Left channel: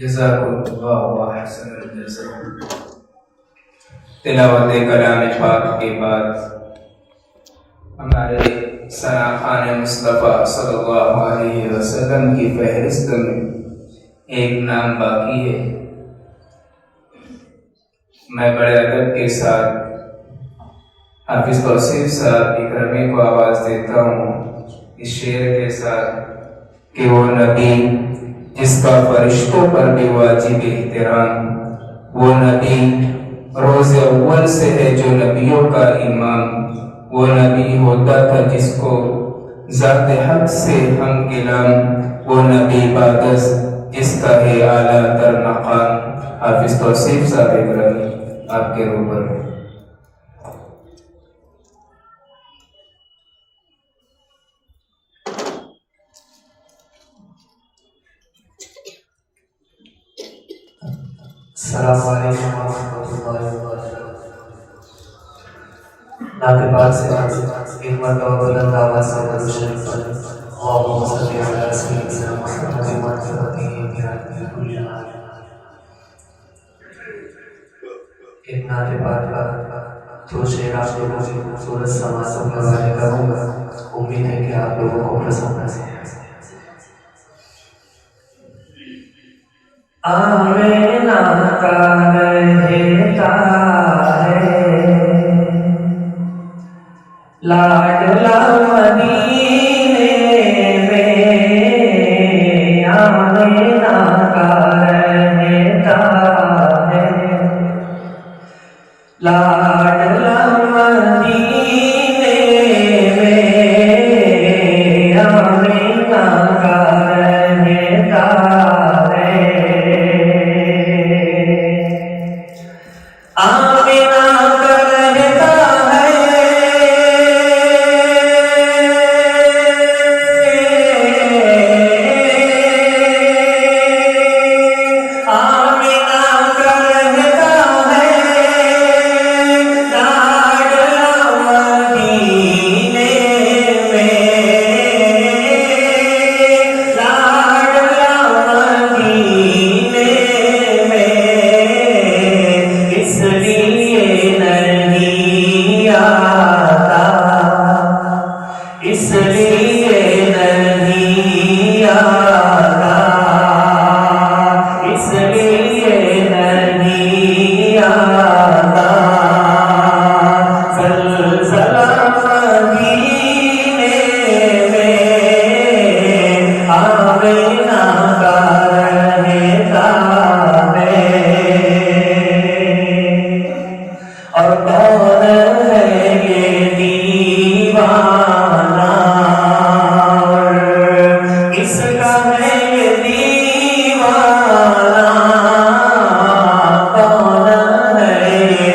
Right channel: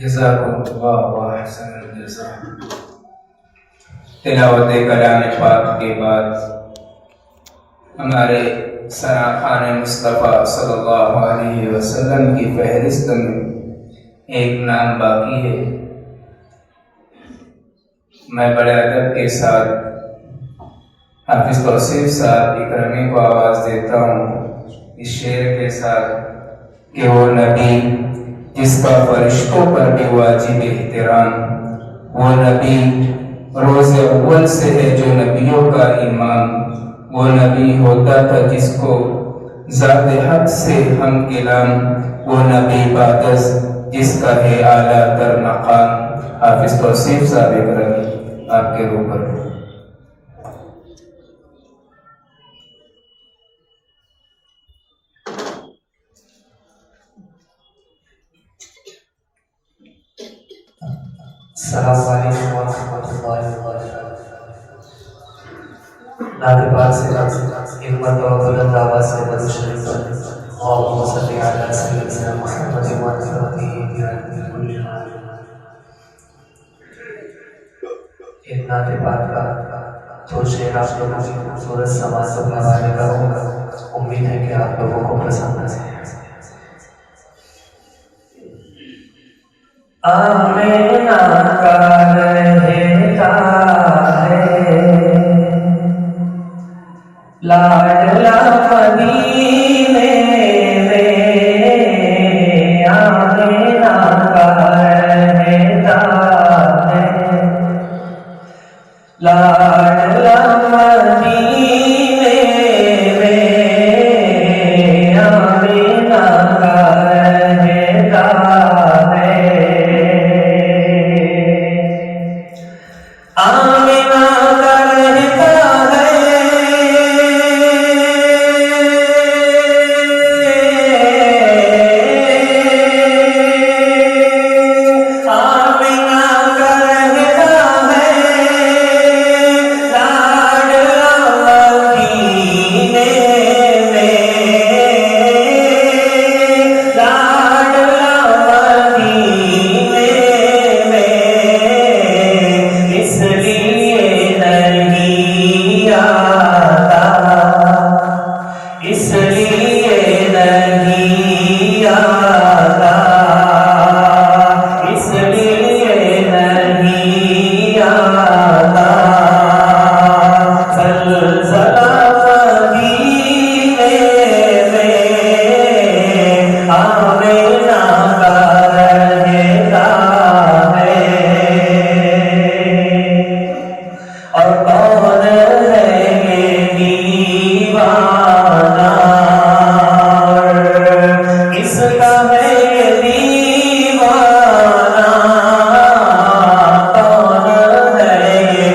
जज़ाकुमुल्लाह व अहसनल जज़ा। तिलावत कलाम पाक के बाद हमारे सनाखान मुस्तफ़ा सल्लल्लाहु अलैहि वसल्लम की फहरिस्त में एक नाम बाकी है। मैं बड़े अदब के साथ हाफिज तौसीफ साहब इकरामी को आवाज़ देता हूँ इस शेर के साथ कि वो नबी जिसका फरिश्तों पर भी वाजिब एहतराम, वो नबी रोज़े अव्वल से है जो नबियों का इमाम, वो नबी होता था जिसको ज़ात हक से हम गिलाम, वो नबी बादस जिसका है आला तर मकाम। हाफिज तौसीफ साहब इकरामी आपके ऊपर। नाके पाक से एक मरतबा बुलंद आवाज़ से दरूद शरीफ पढ़ें। अल्लाहुम्मा सल्ली अला सय्यिदिना मुहम्मद व अला एक नाते पाक का तो शेर आप लोगों से खूबसूरत समाजों के हवाले करूँगा। उम्मीद है कि आप लोगों को पसंद आए। आमीना का रहता है लाडला मदीने में, आमीना का रहता है लाडला मदीने में, आमीना का रहता है। आमीना का रहता है, आमीना का रहता है लाडला मदीने में, लाडला मदीने में, इसलिए नहीं आता, इसलिए नहीं आता, इसलिए नहीं आता। ज़लज़ला मदीने में, आमीना का रहता है। और कौन है ये दीवाना, किसका है ये दीवाना, कौन है ये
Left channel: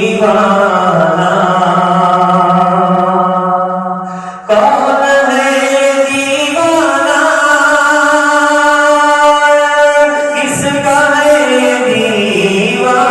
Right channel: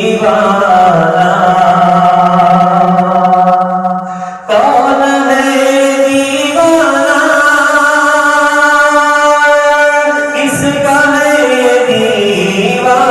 दीवाना, कौन है ये दीवाना, किसका है ये दीवाना,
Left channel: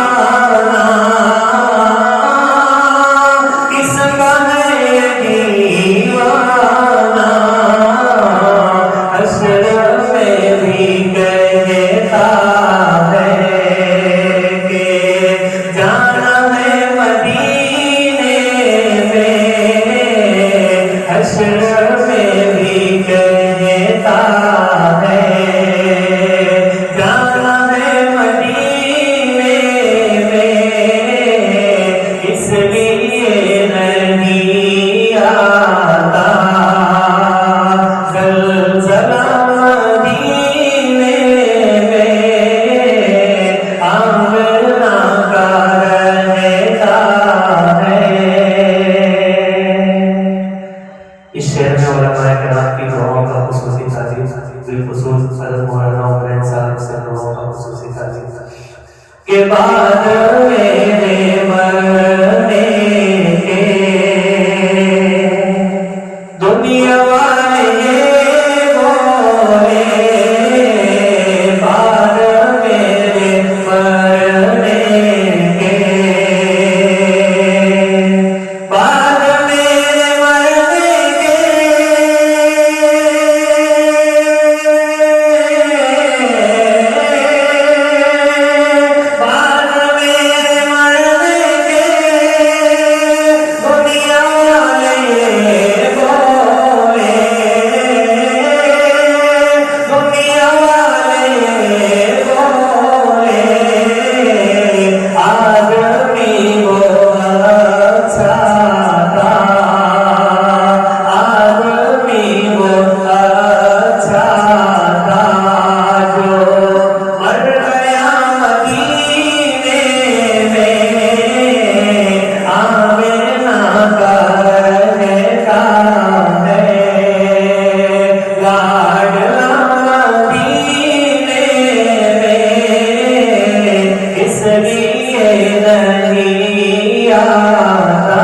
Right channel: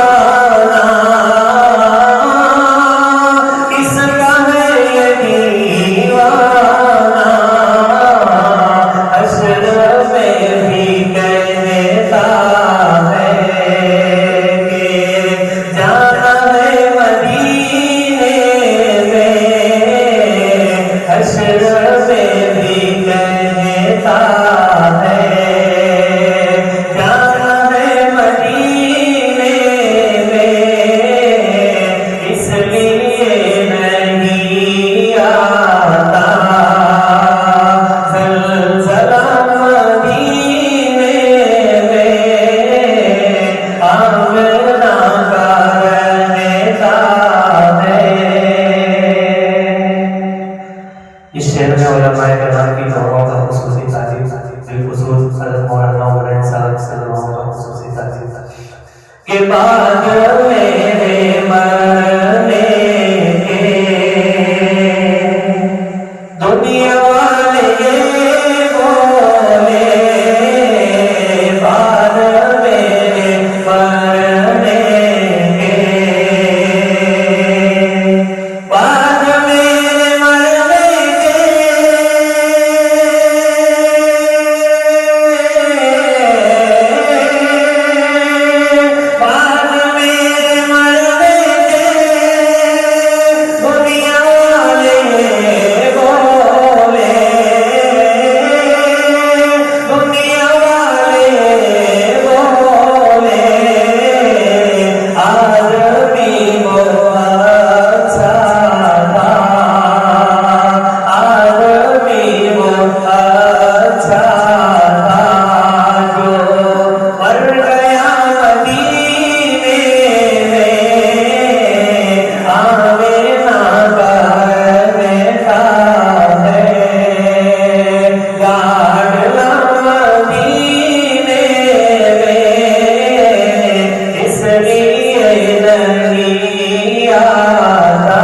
आता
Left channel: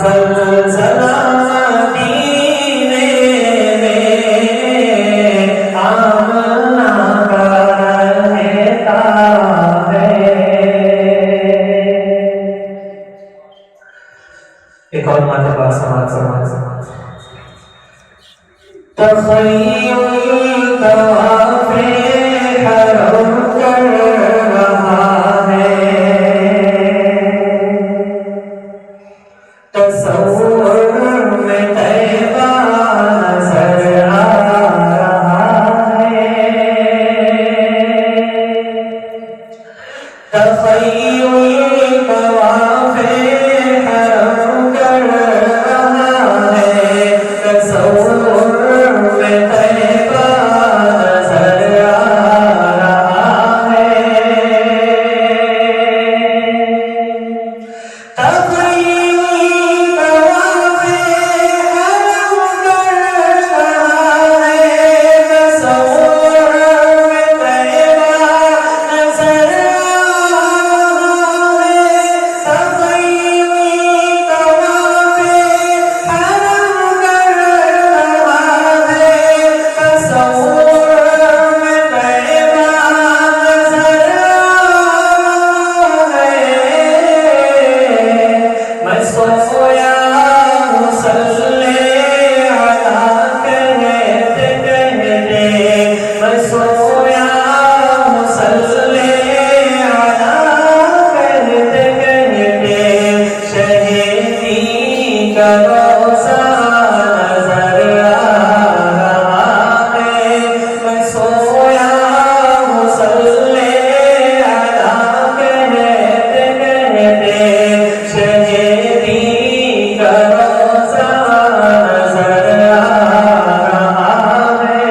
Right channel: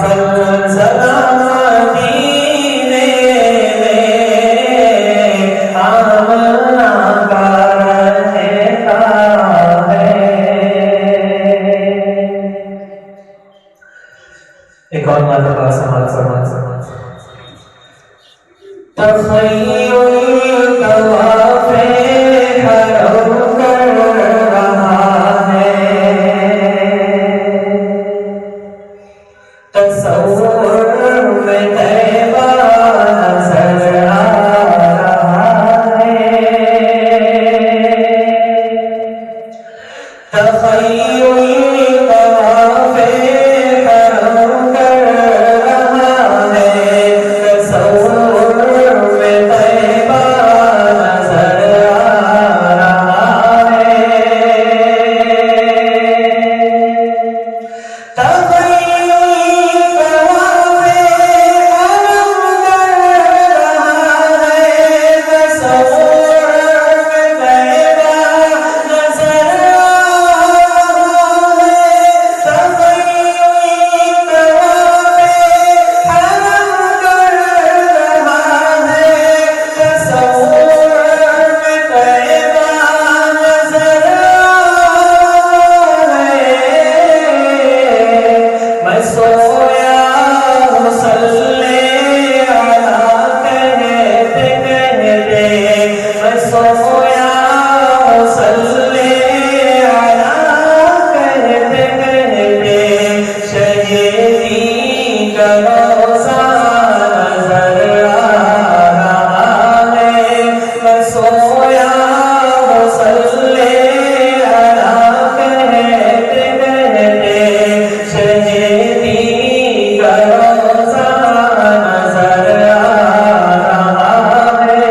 ज़लज़ला मदीने में आमना का रहता है। एक और मरतबा समाज तख़य्युल कवाफ़े हरम कर रहा है, तसव्वुर में तैबा नज़र आ रहा है। तख़य्युल कवाफ़े हरम कर रहा है, तसव्वुर में तैबा नज़र आ रहा है। तख़य्युल कवाफ़े हरम कर रहा है, तसव्वुर में तैबा नज़र आ रहा है। तख़य्युल कवाफ़े हरम कर रहा है, तसव्वुर में तैबा नज़र आ रहा है। मैं सोया मुसल्ले अला कहते कहते, मैं सोया मुसल्ले अला कहते कहते, शहीदी का रोज़ा नज़र आ रहा है। मैं सोया मुसल्ले अला कहते कहते, शहीदी का रोज़ा नज़र आ रहा है।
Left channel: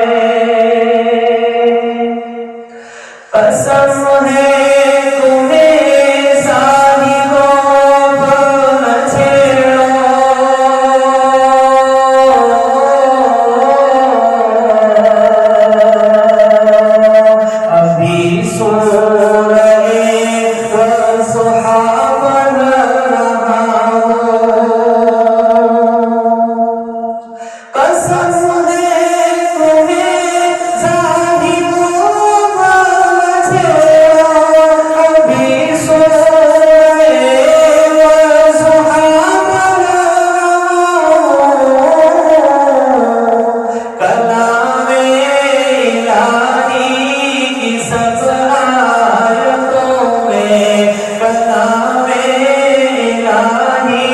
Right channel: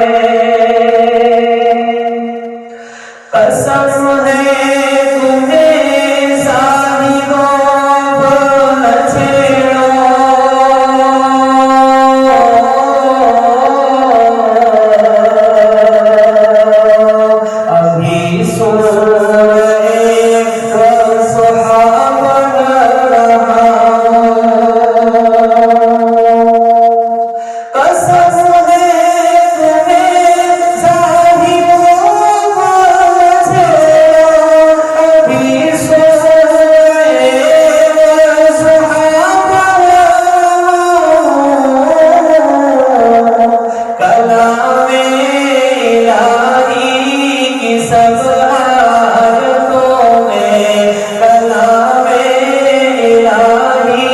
कसम है तुम्हें साहिबों पर न छेड़ो, अभी सूरह वज़ुहा बन रहा हूँ। कसम है तुम्हें साहिबों पर न छेड़ो, अभी सूरह वज़ुहा बन रहा हूँ। कलामे इलाही की सब आयतों में, कलामे इलाही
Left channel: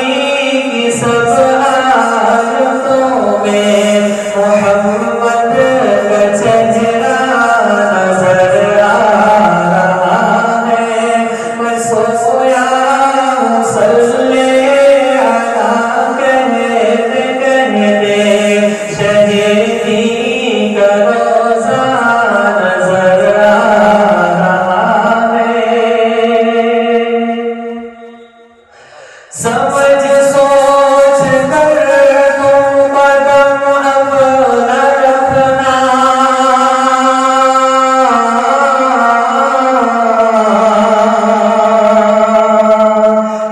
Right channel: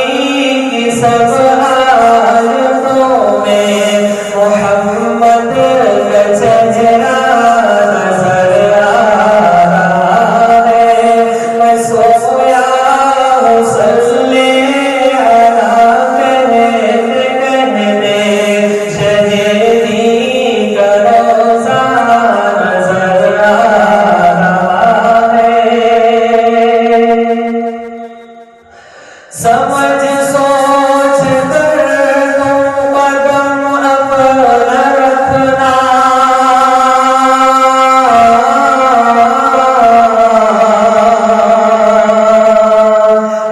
की सब आयतों में, मोहम्मद का चेहरा नज़र आ रहा है। मैं सोया मुसल्ले अला कहते कहते, शहीदी का रोज़ा नज़र आ रहा है। समझ सोच कर तुम कदम अपना रखना,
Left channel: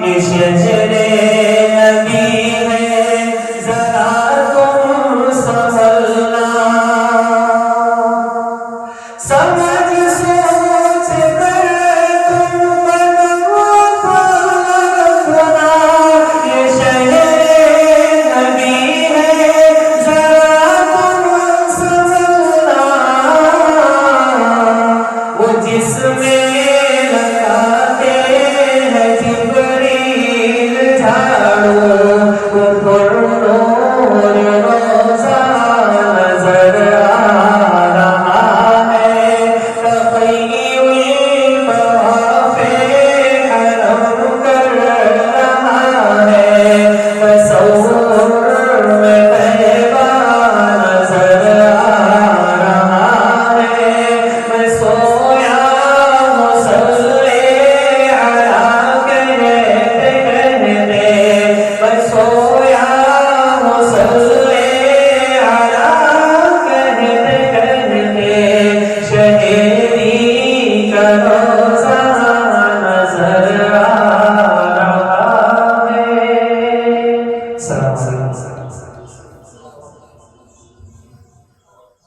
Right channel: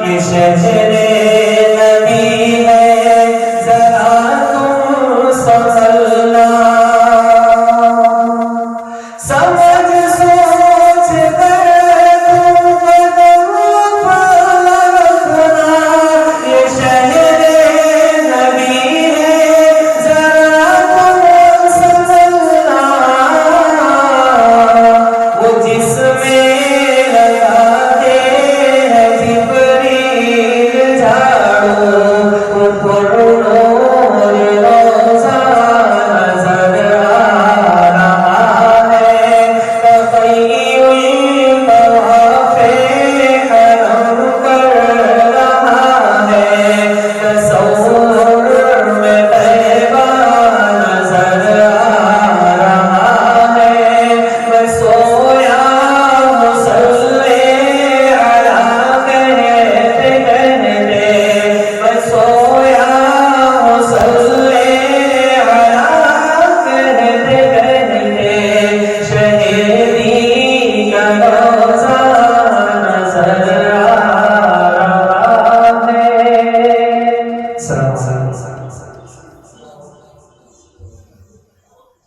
ये शहरे नबी है ज़रा तुम संभलना। समझ सोच कर तुम कदम अपना रखना, ये शहरे साथ